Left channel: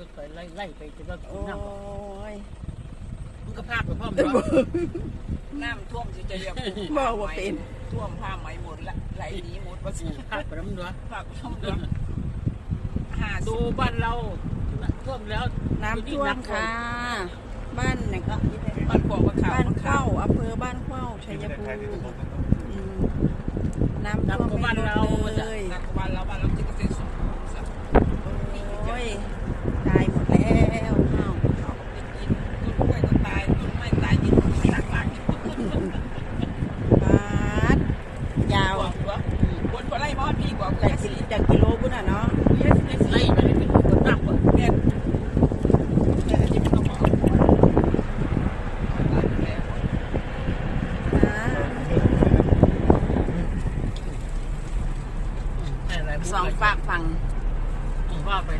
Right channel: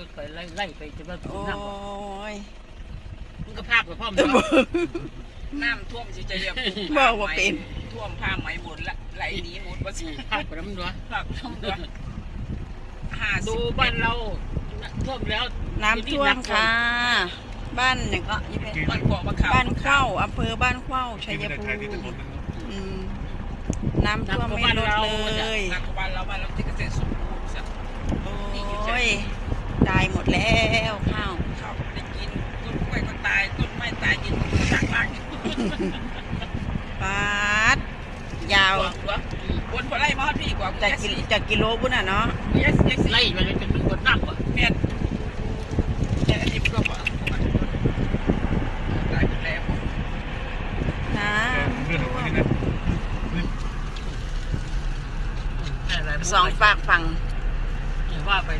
รถไปไล่ไล่ไปจะว่าโอ้น้ำบ่ยมึงก็ภาพกับพ่อมจะเนาะบอกน้ำท่วมสิจะเรียกบอกว่าเป็น ท่วมผ้าไหมหมดละไหลหนีหมดว่าสิภาพกับน้ำดัวฝากท่วมด้วยห้าสิดูบ้านเราท่วมแล้วน้ำท่วมค่ะ บ้านอย่างก็ยี่เป็นบ้านขวบบ้านขาวบ้านเข้าอำเภอบ้านเข้าชัยภูถ่ายที่ถมินนนั่นเนอะอืมน้ำท่วมไม่ลดเลยหนักกว่าบ้านเราบ้านเราที่ายหมดแล้วข้าวขาไปกินต้นกล้วยก็ตายต้นไม้ตายกินชักหลังปาดยาวบนพอไล่มอดพี่กว่าจากกิจากกิโลบุ้นอะเนาะไล่ไปเลยจนถึงบนนัำเปิดแม่นแค่ทิพยก็พอตายหมดแล้วนะสองฝากฝั่งว่าไป